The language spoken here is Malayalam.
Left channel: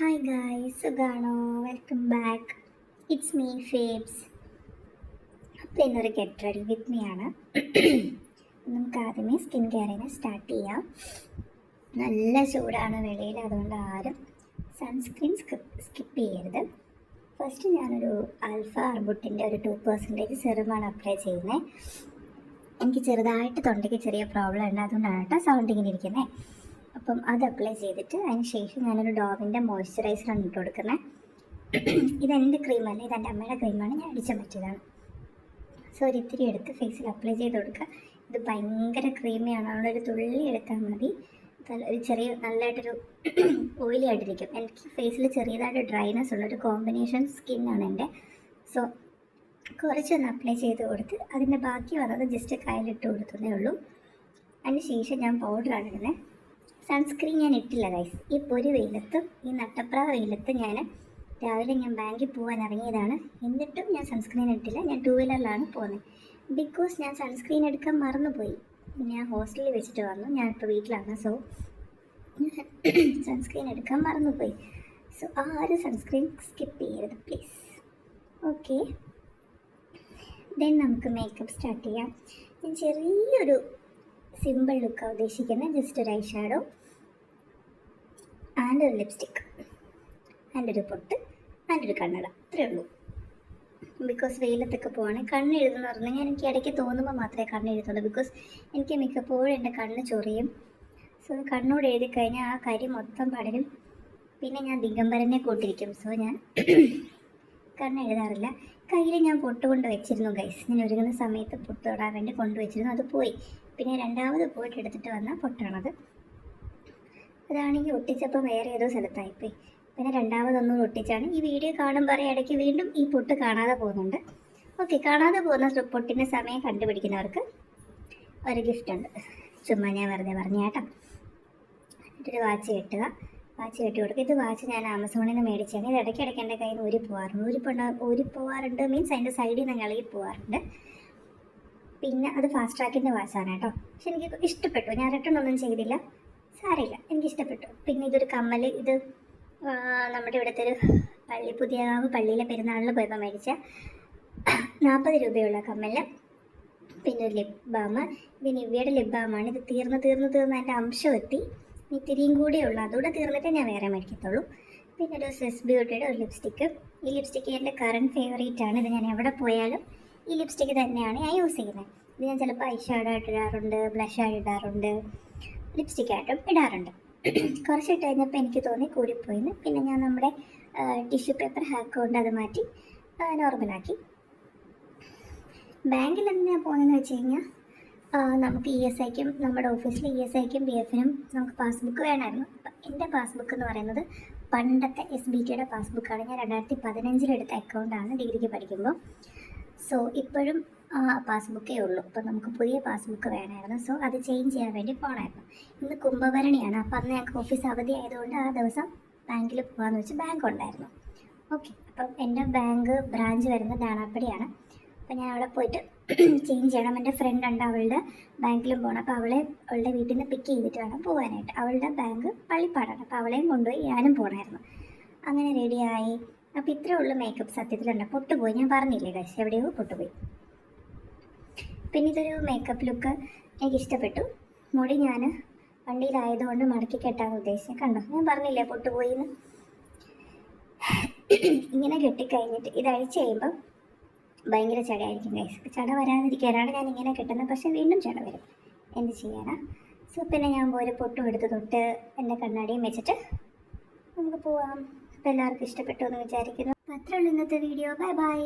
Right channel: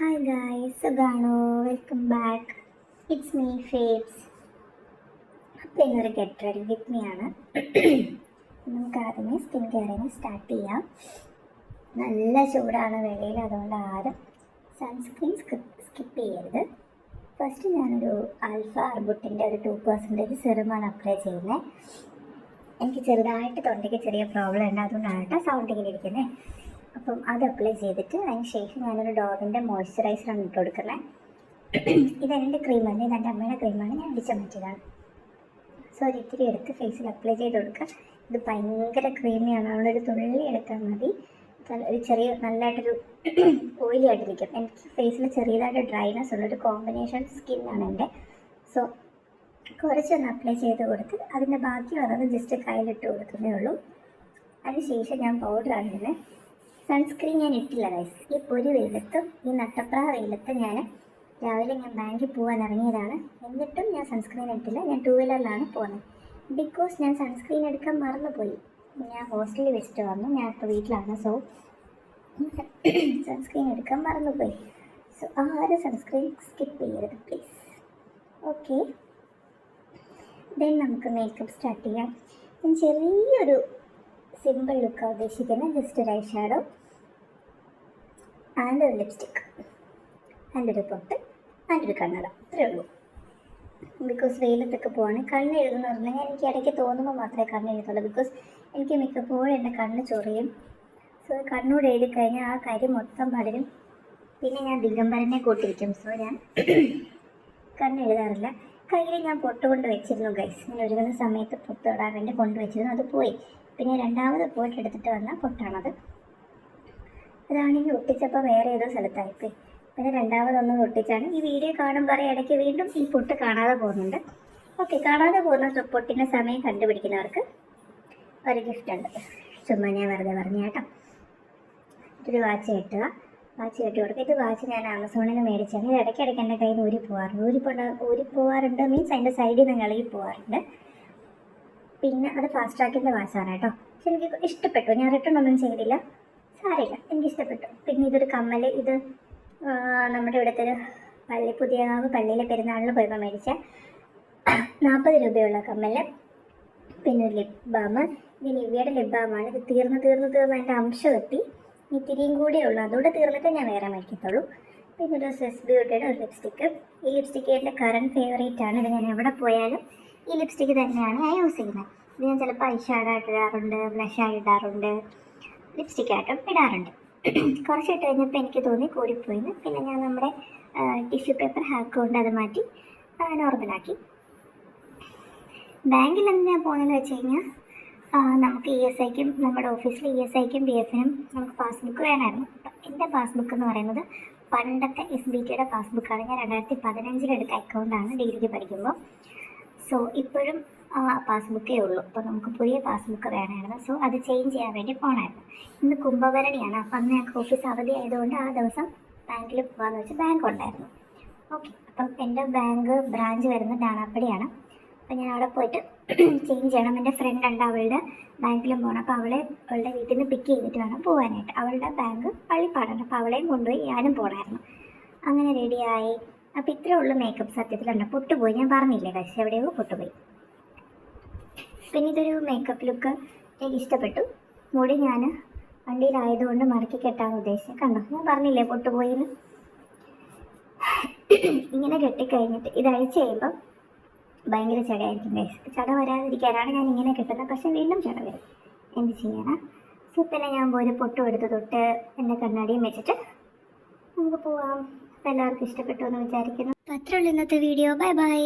Hi guys, സുഖാണോ? Welcome back. It's me Fabs. അപ്പോൾ ഇന്നൊരു ഗെറ്റ് റെഡി വിത്ത് മീ ആണ്. നമുക്ക് ആദ്യമേ സ്കിൻ കെയറിനെ സ്റ്റാർട്ട് ചെയ്യാം. നല്ല ചൂടാണ് വെളിയിൽ, അതുകൊണ്ട് ആരും സൺസ്ക്രീൻ സ്കിപ്പ് ചെയ്യരുത്. ഫസ്റ്റ് ഞാനൊരു ആൽഫ അർബുട്ടിൻ്റെ ഒരു 2% സിറമാണ് അപ്ലൈ ചെയ്യുന്നത്. എനിക്ക് ചെറുതായിട്ട് തൊണ്ടയ്ക്ക് ചെറിയ പ്രോബ്ലം ഉണ്ട്, അതുകൊണ്ടാണ് സൗണ്ട് ഇങ്ങനെ ഇരിക്കുന്നത്. അപ്പം അത് അപ്ലൈ ചെയ്തിട്ട് അതിന് ശേഷം ഞാനൊരു ഡോവിൻ്റെ മോയ്സ്ചറൈസറാണ് ഇട്ട് കൊടുക്കുന്നത്. ഇതെൻ്റെ ക്രീമല്ല, ഇതെൻ്റെ അമ്മയുടെ ക്രീമാണ്, ഞാൻ അടിച്ച പറ്റിയതാണ്. സോ ഒരു ഇത്തിരി എടുത്ത് ഫേസിൽ അപ്ലൈ ചെയ്ത് കൊടുക്കുക. ഇത് ഭയങ്കര ക്രീമിയാണ്, അതുകൊണ്ടൊരു തുള്ളി എടുത്താൽ മതി. ഒരു ചെറിയ നല്ലതായിട്ടൊരു ഓയിലി ആയിട്ടിരിക്കും. എനിക്ക് ഫേസിൽ ചെറിയതായിട്ട് ഡ്രൈനെസ് ഉള്ളൊരു കോമ്പിനേഷൻ സ്കിന്നാണ് എൻ്റെ. സോ കുറച്ചൊന്ന് അപ്ലൈ ചെയ്ത് കൊടുത്ത് അതിൻ്റെ ബാക്കി വന്നത് ജസ്റ്റ് കയ്യിലിട്ട് കൊടുത്തതേ ഉള്ളൂ. അതിന് ശേഷം ഞാൻ പൗഡറാണ് ഇടുന്നത്. സൺസ്ക്രീൻ ഞാൻ ഇട്ടില്ല ഗൈസ്. ഈ പൊരി വെയിലത്ത്, ഈ നട്ടപ്രാ വെയിലത്ത് രാവിലെ ഞാൻ ബാങ്കിൽ പോകാൻ ഇറങ്ങിയതാണ്, എന്നിട്ടും ഞാൻ സൺസ്ക്രീൻ ഇട്ടില്ല. ഞാൻ 2 വീലറിലാണ് പോകുന്നത്. ബിക്കോസ് ഞാൻ സൺസ്ക്രീൻ എടുക്കാൻ മറന്നുപോയി. ഞാൻ ഹോസ്റ്റലിൽ വെച്ചിട്ട് വന്നു, ഞാനിപ്പോൾ വീട്ടിലാണ്. സോ സൺസ്ക്രീൻ എടുക്കാൻ മറന്നുപോയി. സോ ആരും സൺസ്ക്രീൻ സ്കിപ്പ് ചെയ്യരുത് പ്ലീസ്. ഓക്കെ, ദെൻ നമുക്ക് മേക്കപ്പ് സ്റ്റാർട്ട് ചെയ്യാം. ഞാൻ ചെറിയൊരു സിമ്പിൾ ലുക്കാണ് ഉദ്ദേശിക്കുന്നത്. ജസ്റ്റ് ഒരു ഐ ഷാഡോ ആൻഡ് ഒരു ലിപ്സ്റ്റിക്ക് ആൻഡ് ഒരു പൊട്ട് ആൻഡ് ഒരു കണ്ണട, അത്രേ ഉള്ളൂ. ബിക്കോസ് വെയിലത്തൊക്കെ പോവാണെങ്കിൽ കണ്ണ് എഴുതുന്ന പറഞ്ഞാൽ എനിക്ക് ഇടയ്ക്ക് തോന്നുമ്പോൾ മാത്രമേ കണ്ണ് എഴുതുള്ളൂ. ബിക്കോസ് എനിക്ക് മിക്കപ്പോഴും എൻ്റെ കണ്ണ് ചൊറിയും. സോ കണ്ണോട് എഴുതി കഴിഞ്ഞാൽ ആ കരി മൊത്തം പടരും, പിന്നെ ഞാൻ ദിഗംബരനെ കൂട്ടിരിക്കും. സോ ഞാൻ കണ്ണ് എഴുതാറില്ല. കയ്യിൽ ഞാൻ പൊട്ട് കൊണ്ട് വെച്ചിരുന്നു ഗൈസ്. ഞാൻ ഒരുങ്ങുന്ന സമയത്ത് പൊട്ട് തൊടാൻ വേണ്ടി കൊണ്ടുവച്ചിരുന്നു, അത് പോയി. പിന്നെ രണ്ടാമത് പോയിട്ട് എടുത്തിട്ട് വന്ന പൊട്ടാണത്. അതാണെങ്കിൽ ഒട്ടിച്ചപ്പോൾ വേറെ ഏതോ സ്ഥലത്തായിപ്പോയി. പിന്നെ രണ്ടാമതൊന്നും ഒട്ടിച്ചാണ്. ഈ വീഡിയോ കാണുമ്പോൾ ഇടയ്ക്ക് വീണ്ടും ഈ പൊട്ട് കാണാതെ പോകുന്നുണ്ട്. ഓക്കെ, കാണാതെ പോകുന്ന പൊട്ടിൻ്റെ സമയം കണ്ടുപിടിക്കുന്നവർക്ക് ഒരു ഗിഫ്റ്റ് ഉണ്ട്. ചുമ്മാ ഞാൻ വെറുതെ പറഞ്ഞ കേട്ടോ. ഒരു വാച്ച് കെട്ടുക, വാച്ച് കെട്ടി കൊടുക്കുക. ഇത് വാച്ച് ഞാൻ ആമസോണിൽ നിന്ന് മേടിച്ചാണ്. ഇത് ഇടയ്ക്കിടയ്ക്ക് എൻ്റെ കയ്യിൽ നിന്ന് ഊരിപ്പോവാറുണ്ട്. മീൻസ് അതിൻ്റെ സൈഡിൽ നിന്ന് ഇളകി പോകാറുണ്ട്. പിന്നെ അത് ഫാസ്റ്റ് ട്രാക്കിൻ്റെ വാച്ചാണ് കേട്ടോ. പക്ഷെ എനിക്ക് ഇഷ്ടപ്പെട്ടു. ഞാൻ റിട്ടേൺ ഒന്നും ചെയ്തില്ല, സാരമില്ല, എനിക്കിഷ്ടപ്പെട്ടു. പിന്നെ ഇതൊരു കമ്മൽ. ഇത് നമ്മുടെ ഇവിടുത്തെ ഒരു പുതിയകാവ് പള്ളിയിലെ പെരുന്നാളിന് പോയപ്പോൾ മേടിച്ച 40 രൂപയുള്ള കമ്മൽ. പിന്നെ ഒരു ലിപ് ബാം. ഇത് നിവ്യയുടെ ലിപ് ബാമാണ്. ഇത് തീർന്ന് എൻ്റെ അംശം എത്തി. ഇത്തിരിയും കൂടെ ഉള്ളൂ, അതുകൂടെ തീർന്നിട്ട് ഞാൻ വേറെ മേടിക്കത്തുള്ളൂ. പിന്നെ ഒരു സെസ് ബ്യൂട്ടിയുടെ ഒരു ലിപ്സ്റ്റിക്ക്. ഈ ലിപ്സ്റ്റിക്ക് എൻ്റെ കറണ്ട് ഫേവറേറ്റ് ആണ്. ഇത് ഞാൻ എവിടെ പോയാലും ഈ ലിപ്സ്റ്റിക്ക് തന്നെയാണ് ഞാൻ യൂസ് ചെയ്യുന്നത്. ഇത് ഞാൻ ചിലപ്പോൾ ഐ ഷാഡോ ആയിട്ട് ഇടാറുണ്ട്, ബ്ലഷ് ആയിട്ട് ഇടാറുണ്ട്, ലിപ്സ്റ്റിക്കായിട്ടും ഇടാറുണ്ട്. കുറച്ചിട്ട് കഴിഞ്ഞപ്പോൾ എനിക്ക് തോന്നി കൂടിപ്പോയിന്ന്. പിന്നെ ഞാൻ നമ്മുടെ ടിഷ്യൂ പേപ്പർ ഹാക്ക് കൊണ്ട് അത് മാറ്റി നോർമലാക്കി. ബാങ്കിൽ എന്തിനാണ് പോകുന്നതെന്ന് വെച്ച് കഴിഞ്ഞാൽ നമുക്ക് ESIക്കും നമ്മുടെ ഓഫീസിൽ ESIക്കും BFനും നമുക്ക് പാസ്ബുക്ക് വേണമായിരുന്നു. അപ്പം എൻ്റെ പാസ്ബുക്ക് എന്ന് പറയുന്നത് പണ്ടത്തെ SBTയുടെ പാസ്ബുക്കാണ്. ഞാൻ 2015 എടുത്ത അക്കൗണ്ടാണ് ഡിഗ്രിക്ക് പഠിക്കുമ്പോൾ. സോ ഇപ്പോഴും പാസ്ബുക്കേ ഉള്ളൂ. അപ്പോൾ നമുക്ക് പുതിയ പാസ്ബുക്ക് വേണമായിരുന്നു. സോ അത് ചേഞ്ച് ചെയ്യാൻ വേണ്ടി പോകണമായിരുന്നു. ഇന്ന് കുംഭഭരണിയാണ്. അപ്പം അന്ന് ഞങ്ങൾക്ക് ഓഫീസ് അവധി ആയതുകൊണ്ട് ആ ദിവസം ബാങ്കിൽ പോകാമെന്ന് വെച്ച് ബാങ്ക് ഉണ്ടായിരുന്നു. ഓക്കെ, അപ്പം എൻ്റെ ബാങ്ക് ബ്രാഞ്ച് വരുന്നത് ഡാണാപ്പടിയാണ്. അപ്പം ഞാൻ അവിടെ പോയിട്ട് ചേഞ്ച് ചെയ്യണം. എൻ്റെ ഫ്രണ്ട് ഉണ്ട്, അവളുടെ ബാങ്കിലും പോകണം. അപ്പോൾ അവളുടെ വീട്ടിൽ നിന്ന് പിക്ക് ചെയ്തിട്ട് വേണം പോകാനായിട്ട്. അവളുടെ ബാങ്ക് പള്ളിപ്പാടാണ്, അപ്പോൾ അവളെയും കൊണ്ടുപോയി ഞാനും പോകണമായിരുന്നു. അങ്ങനെ റെഡിയായി. അപ്പോൾ ഇത്രേ ഉള്ളൂ മേക്കപ്പ്. സത്യത്തിലുണ്ട്, പൊട്ടുപോയി. ഞാൻ പറഞ്ഞില്ലേ കഴിച്ച് എവിടെയോ പൊട്ടുപോയി. പിന്നെ ഇതൊരു മേക്കപ്പ് ലുക്ക് എനിക്ക് ഇഷ്ടപ്പെട്ടു. മുടി ഞാൻ വണ്ടിയിലായതുകൊണ്ട് മടക്കി കെട്ടാൻ ഉദ്ദേശിച്ചത്. കണ്ടോ, ഞാൻ പറഞ്ഞില്ലേ പൊട്ടുപോയിന്ന്. ഇങ്ങനെ കെട്ടിക്കഴിഞ്ഞിട്ട് ഇത് അഴിച്ച് കഴിയുമ്പം ഭയങ്കര ചടയായിരിക്കും ഗൈസ്. ചട വരാതിരിക്കാനാണ് ഞാൻ ഇങ്ങനെ കെട്ടുന്നത്. പക്ഷേ വീണ്ടും ചട വരും, എന്ത് ചെയ്യാനാ. സോ പിന്നെ ഞാൻ പോയി പൊട്ടും എടുത്ത് തൊട്ട് എൻ്റെ കണ്ണാടിയും വെച്ചിട്ട് നമുക്ക് പോവാം. അപ്പോൾ എല്ലാവർക്കും ഇഷ്ടപ്പെട്ടു എന്ന് വിചാരിക്കുന്നു. അപ്പോൾ അത്രേ ഉള്ളൂ ഇന്നത്തെ വീഡിയോ. Bye bye.